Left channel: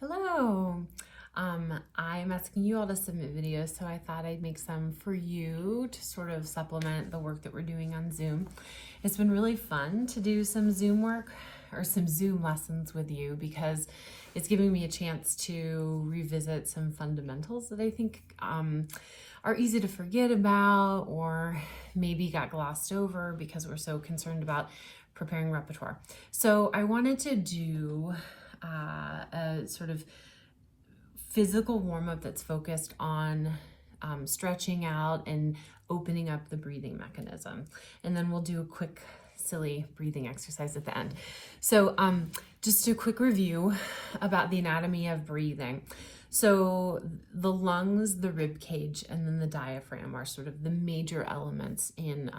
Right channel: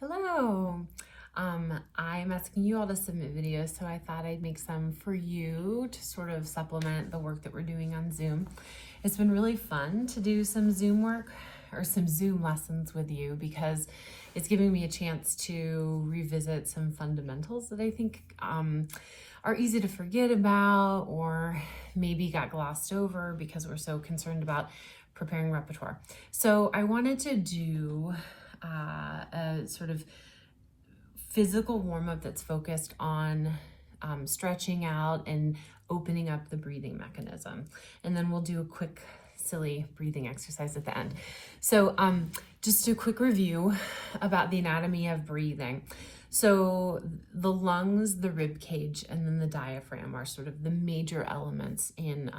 Hello. I'm asking you all to submit videos, so I thought I'd make some for you to sort of supplement the work that we're doing on Zoom. It's been really fun to do some Zoom work or some Zoom lessons with you because it's giving me a chance to revisit some fundamentals that I think are easy to forget about or maybe got glossed over because we're so concerned about preparing repertoire. So I wanted to do a sort of physical warm-up that's focused on stretching out and opening up the breathing mechanism. And then we'll do a quick silly breathing exercise at the end. So just a quick review about the anatomy of breathing. So the lungs, the rib cage, and then the diaphragm are sort of the major elements in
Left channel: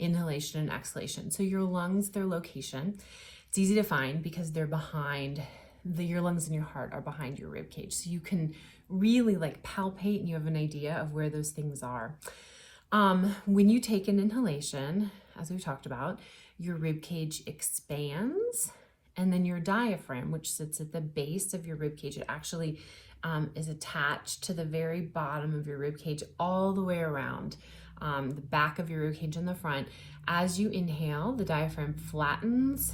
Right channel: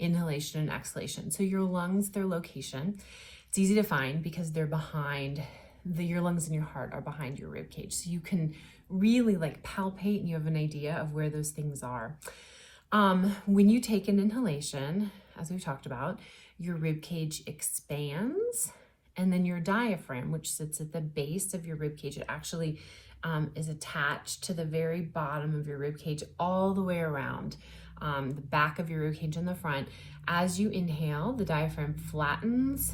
inhalation and exhalation. So your lungs, their location, it's easy to find because they're behind your lungs and your heart are behind your rib cage. So you can really like palpate and you have an idea of where those things are. When you take an inhalation, as we've talked about, your rib cage expands, and then your diaphragm, which sits at the base of your rib cage, it actually is attached to the very bottom of your rib cage all the way around the back of your rib cage in the front. As you inhale, the diaphragm flattens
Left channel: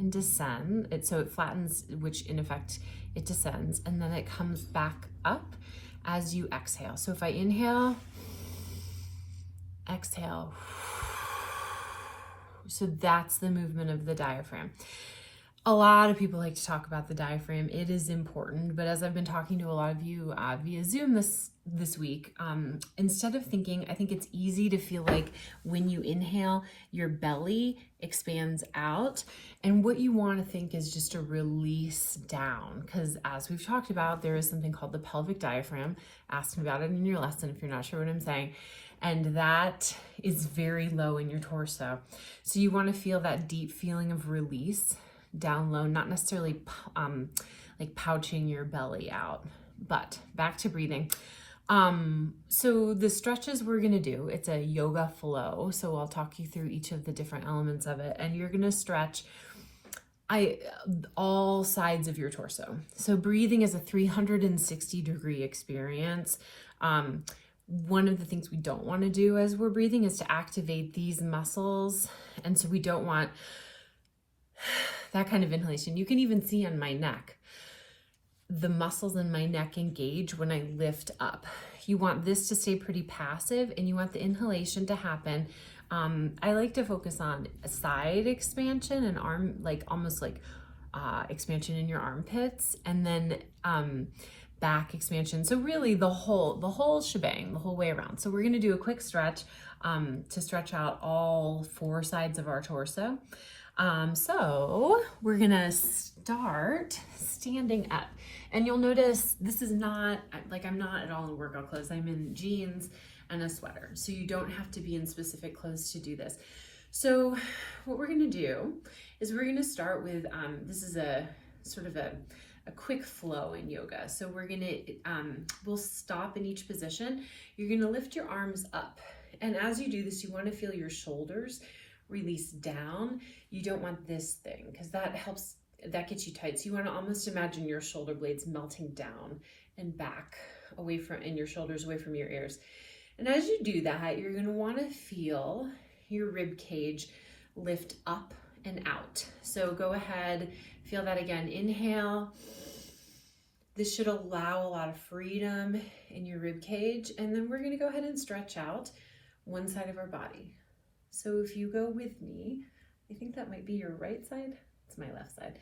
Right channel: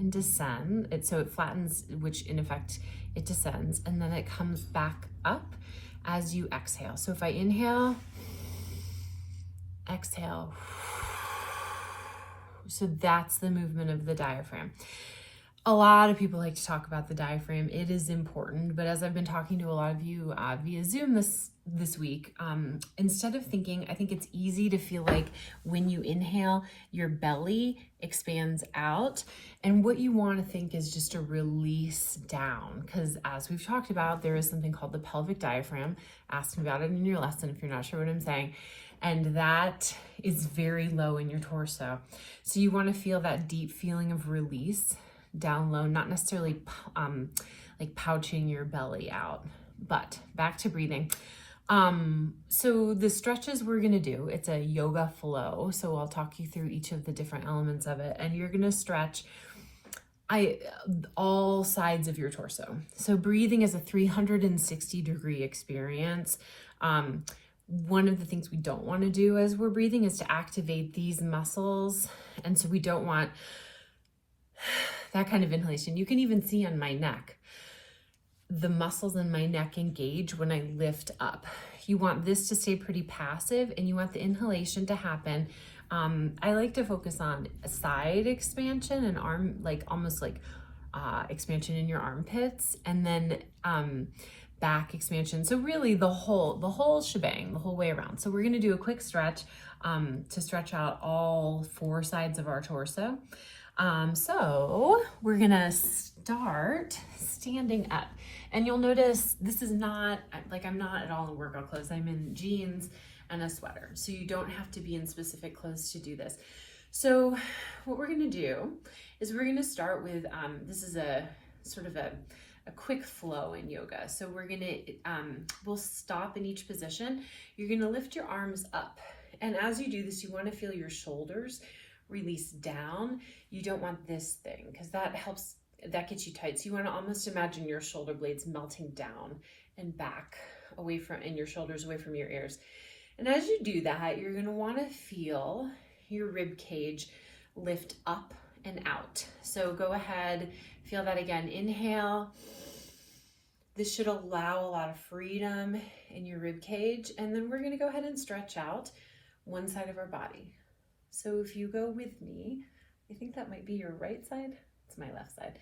and descend. So it flattens, which in effect it descends, and then it comes back up as you exhale. So if I inhale, exhale. So that's the movement of the diaphragm. A lot of people like to talk about the diaphragm. It is important, but as I've been talking to a lot of you via Zoom this week, instead of thinking, I think it's easy to feel like when you inhale, your belly expands out, and what you want to think is just a release down, because as we've talked about, there is something called the pelvic diaphragm. Ask me about it in your lesson if you're not sure what I'm saying. And that is very low in your torso. So you want to feel that deep feeling of release down low, not necessarily like pouching your belly out, but back to breathing. So the stretches we're going to do, it's a yoga flow. So I'll talk you through each of the different elements of it, and you're going to stretch all sides of your torso. So breathing is a 360-degree experience. One of the things we don't want to do as we're breathing is to activate these muscles. And so we don't want that kind of inhalation. You can even see on my neck, the muscles in my neck engage when I lift up. You want this to stay pretty passive, and you want the inhalation to happen. I like to focus on a side expansion and arm, like almost like expansion in your armpits, and then back expansion. So really the whole shebang, the whole way around. So we're going to do a quick stretch to stretch out all four sides of our torso. So we're going to start standing up, and you'll notice this is not like, I'm not at all in workout clothes. I'm in jeans and a sweater. So you don't have to be in specific clothes to do this. So what we're going to do is we're going to start with, this is a sort of a quick flow in yoga. So we're going to, we'll stop in each position. You're going to lift your arms up. And as you do this, you want to feel your shoulders release down. You don't want this thing, because that gets you tight. So you want to almost imagine your shoulder blades melting down and back away from, and your shoulders away from your ears. And as you do that, you're going to want to feel your rib cage lift up and out. So go ahead, feel that again. Inhale. This should allow a lot of freedom in your rib cage. And then we're going to go ahead and stretch out one side of our body. So if you go with me, I think that might be your right side. It's my left side.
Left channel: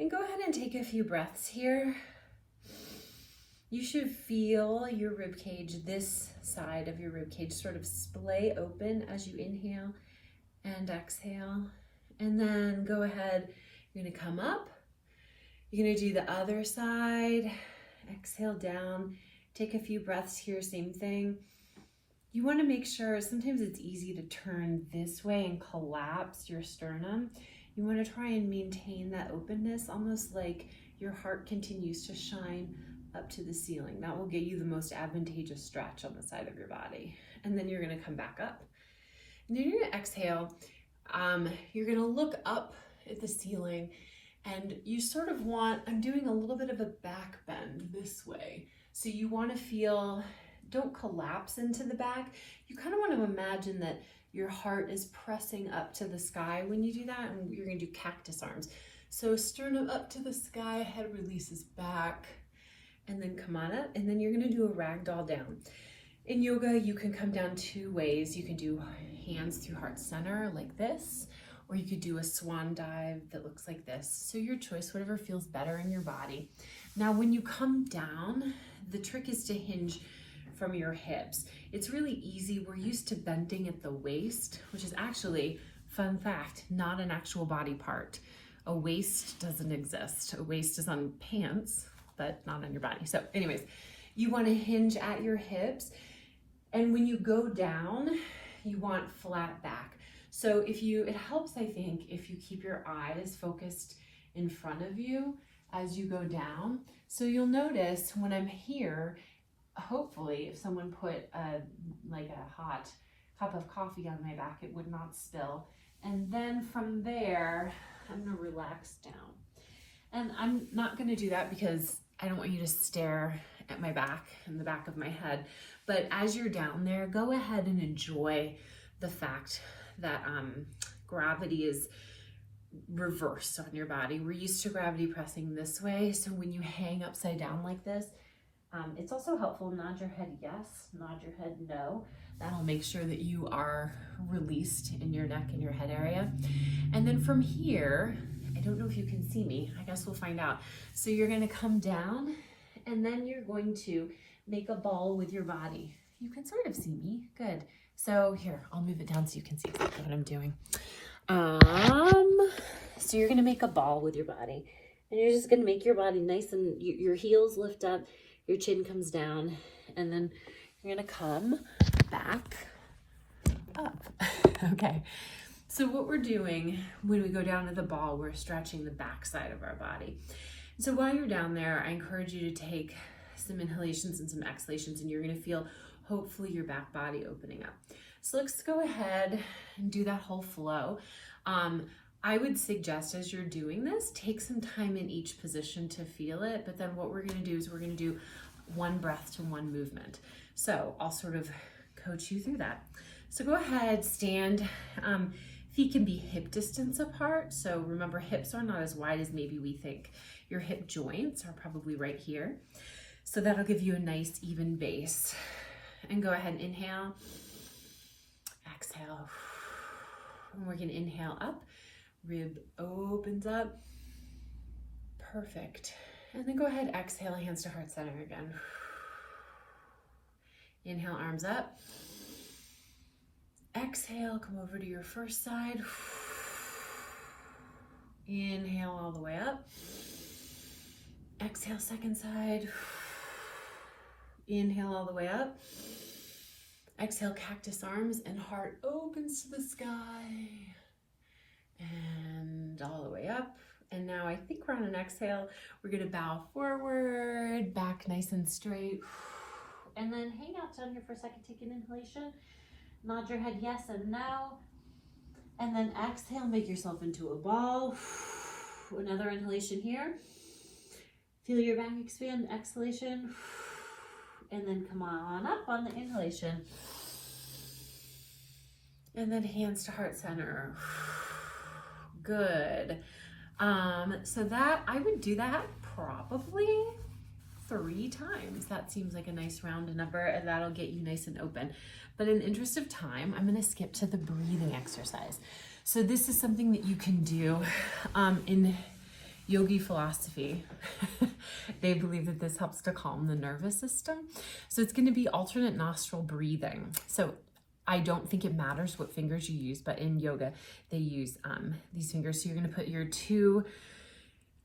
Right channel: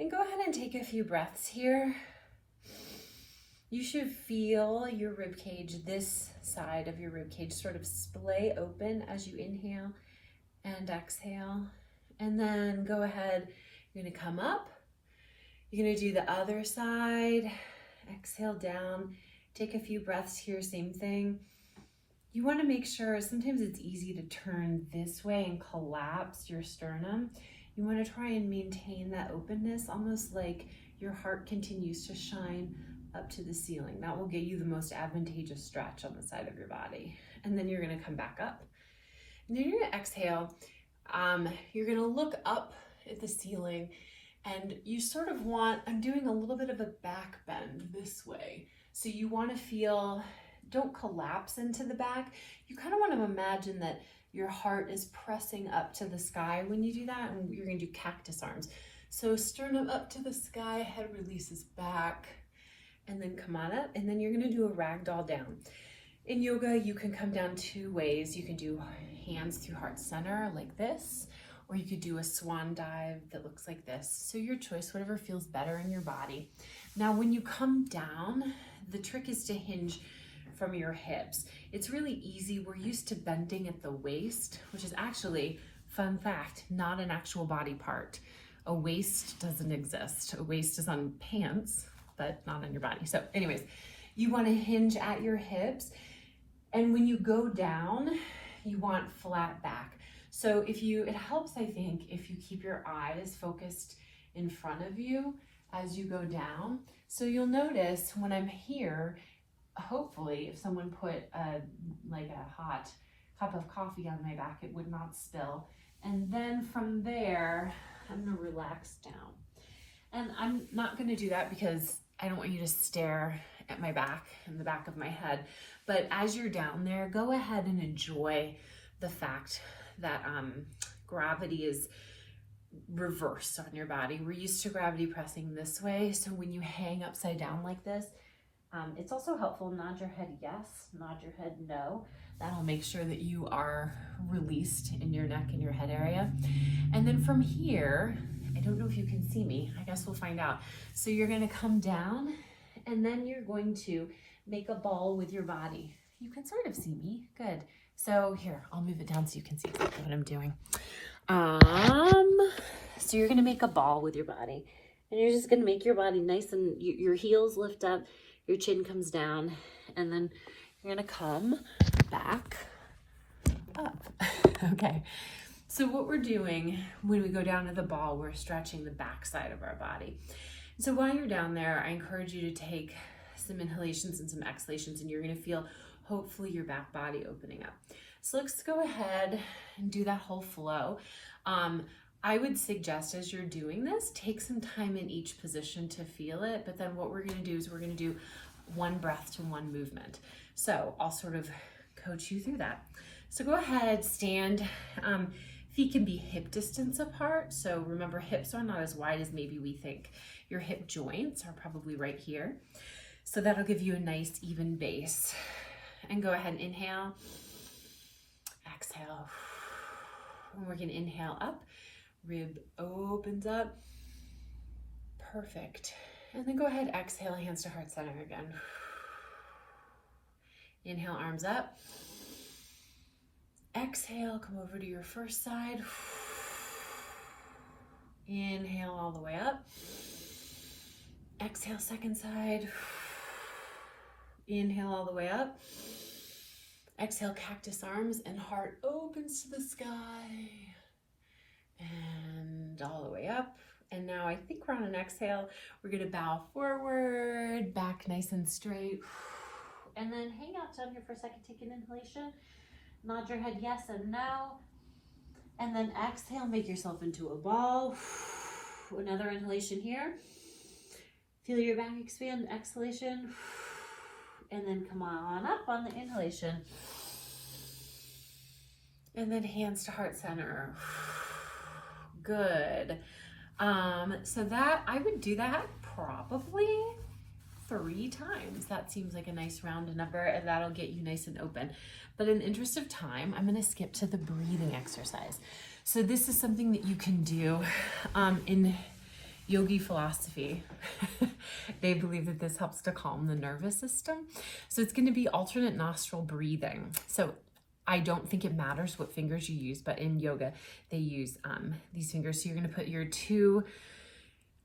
And go ahead and take a few breaths here. You should feel your rib cage, this side of your rib cage, sort of splay open as you inhale and exhale. And then go ahead, you're going to come up. You're going to do the other side. Exhale down. Take a few breaths here, same thing. You want to make sure, sometimes it's easy to turn this way and collapse your sternum. You want to try and maintain that openness, almost like your heart continues to shine up to the ceiling. That will get you the most advantageous stretch on the side of your body. And then you're going to come back up. And then you're going to exhale. You're going to look up at the ceiling And you sort of want, I'm doing a little bit of a back bend this way. So you want to feel, don't collapse into the back. You kind of want to imagine that your heart is pressing up to the sky when you do that, and you're going to do cactus arms. So sternum up to the sky, head releases back, and then come on up, and then you're going to do a ragdoll down. In yoga, you can come down two ways. You can do hands through heart center like this, or you could do a swan dive that looks like this. So your choice, whatever feels better in your body. Now, when you come down, the trick is to hinge from your hips. It's really easy. We're used to bending at the waist, which is actually, fun fact, not an actual body part. A waist doesn't exist. A waist is on pants, but not on your body. So anyways, you want to hinge at your hips. And when you go down, you want flat back. So it helps, I think, if you keep your eyes focused in front of you as you go down. So you'll notice when I'm here, hopefully if someone put like a hot cup of coffee on my back, it would not spill. And then from there, I'm gonna relax down. And I'm not gonna do that because I don't want you to stare at my back and the back of my head. But as you're down there, go ahead and enjoy the fact that gravity is reversed on your body. We're used to gravity pressing this way. So when you hang upside down like this, it's also helpful. Nod your head yes, nod your head no. That'll make sure that you are released in your neck and your head area. And then from here, I don't know if you can see me. I guess we'll find out. So you're gonna come down, and then you're going to make a ball with your body. You can sort of see me, good. So here, I'll move it down so you can see what I'm doing. So you're gonna make a ball with your body, and you're just gonna make your body nice, and your heels lift up, your chin comes down, and then you're gonna come back up. Okay. So what we're doing when we go down to the ball, we're stretching the back side of our body. So while you're down there, I encourage you to take some inhalations and some exhalations, and you're gonna feel hopefully your back body opening up. So let's go ahead and do that whole flow. I would suggest as you're doing this, take some time in each position to feel it, but then what we're gonna do is we're gonna do one breath to one movement. So I'll sort of coach you through that. So go ahead, stand. Feet can be hip distance apart. So remember, hips are not as wide as maybe we think. Your hip joints are probably right here. So that'll give you a nice even base. And go ahead and inhale, exhale. And we're gonna inhale up, rib opens up, perfect. And then go ahead, exhale, hands to heart center again. Inhale, arms up. Exhale, come over to your first side. Inhale all the way up. Exhale, second side. Inhale all the way up. Exhale, cactus arms, and heart opens to the sky. And all the way up. And now I think we're on an exhale. We're gonna bow forward, back nice and straight. And then hang out down here for a second, take an inhalation. Nod your head yes and no. And then exhale, make yourself into a ball. Another inhalation here. Feel your back expand, exhalation. And then come on up on the inhalation. And then hands to heart center. Good. So that, I would do that probably 3 times. That seems like a nice round number, and that'll get you nice and open. But in the interest of time, I'm gonna skip to the breathing exercise. So this is something that you can do in yogi philosophy. They believe that this helps to calm the nervous system. So it's gonna be alternate nostril breathing. So I don't think it matters what fingers you use, but in yoga, they use these fingers. So you're gonna put your 2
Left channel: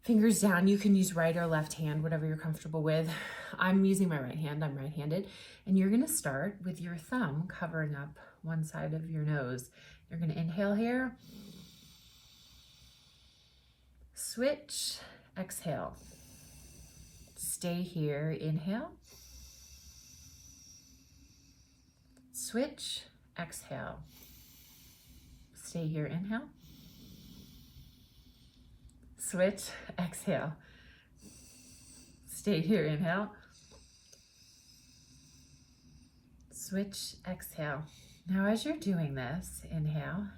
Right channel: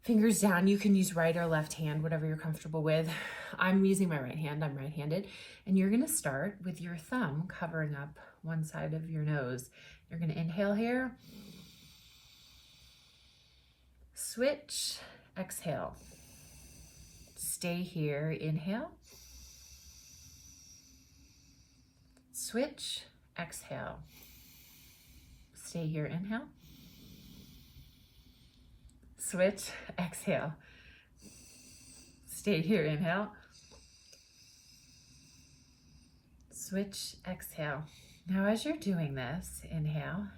fingers down. You can use right or left hand, whatever you're comfortable with. I'm using my right hand, I'm right-handed. And you're gonna start with your thumb covering up one side of your nose. You're gonna inhale here. Switch, exhale. Stay here, inhale. Switch, exhale. Stay here, inhale. Switch, exhale. Stay here, inhale. Switch, exhale. Now as you're doing this, inhale.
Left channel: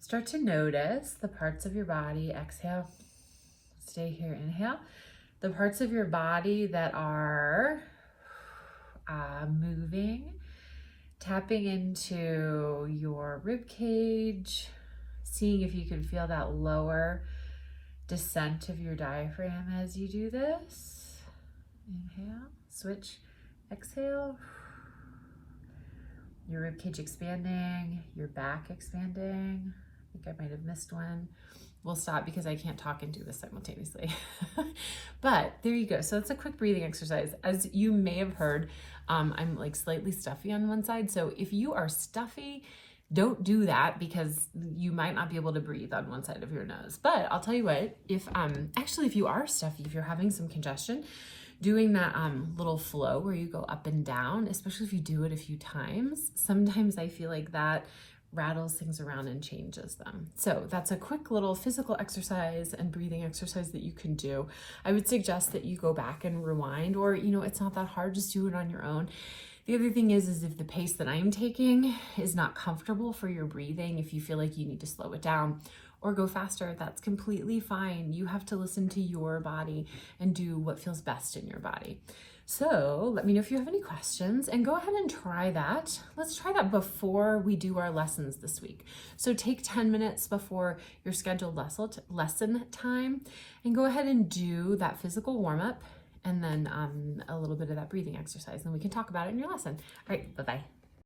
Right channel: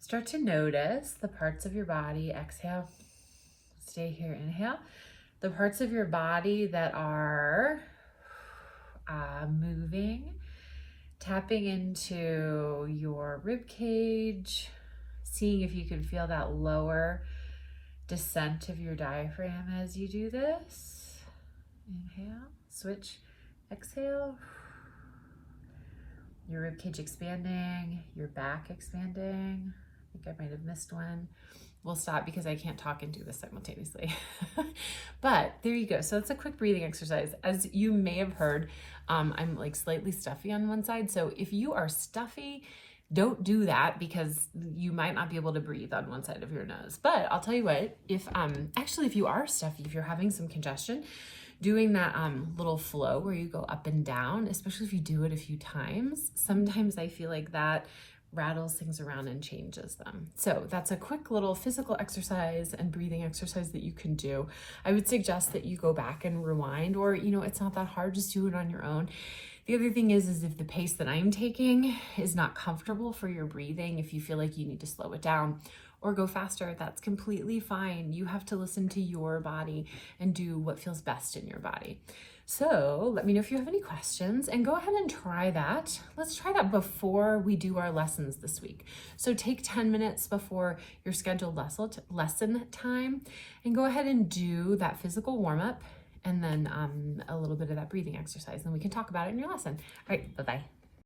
Start to notice the parts of your body, exhale. Stay here, inhale. The parts of your body that are moving, tapping into your rib cage, seeing if you can feel that lower descent of your diaphragm as you do this. Inhale, switch, exhale. Your rib cage expanding, your back expanding. I think I might have missed one. We'll stop because I can't talk and do this simultaneously. But there you go. So it's a quick breathing exercise. As you may have heard, I'm like slightly stuffy on one side. So if you are stuffy, don't do that because you might not be able to breathe on one side of your nose. But I'll tell you what, if you are stuffy, if you're having some congestion, doing that little flow where you go up and down, especially if you do it a few times, sometimes I feel like that rattles things around and changes them. So that's a quick little physical exercise and breathing exercise that you can do. I would suggest that you go back and rewind, or, you know, it's not that hard, just do it on your own. The other thing is if the pace that I'm taking is not comfortable for your breathing, if you feel like you need to slow it down or go faster, that's completely fine. You have to listen to your body and do what feels best in your body. So let me know if you have any questions and go ahead and try that. Let's try that before we do our lessons this week. So take 10 minutes before your scheduled lesson time and go ahead and do that physical warm-up and then a little bit of that breathing exercise, and we can talk about it in your lesson. All right, bye-bye.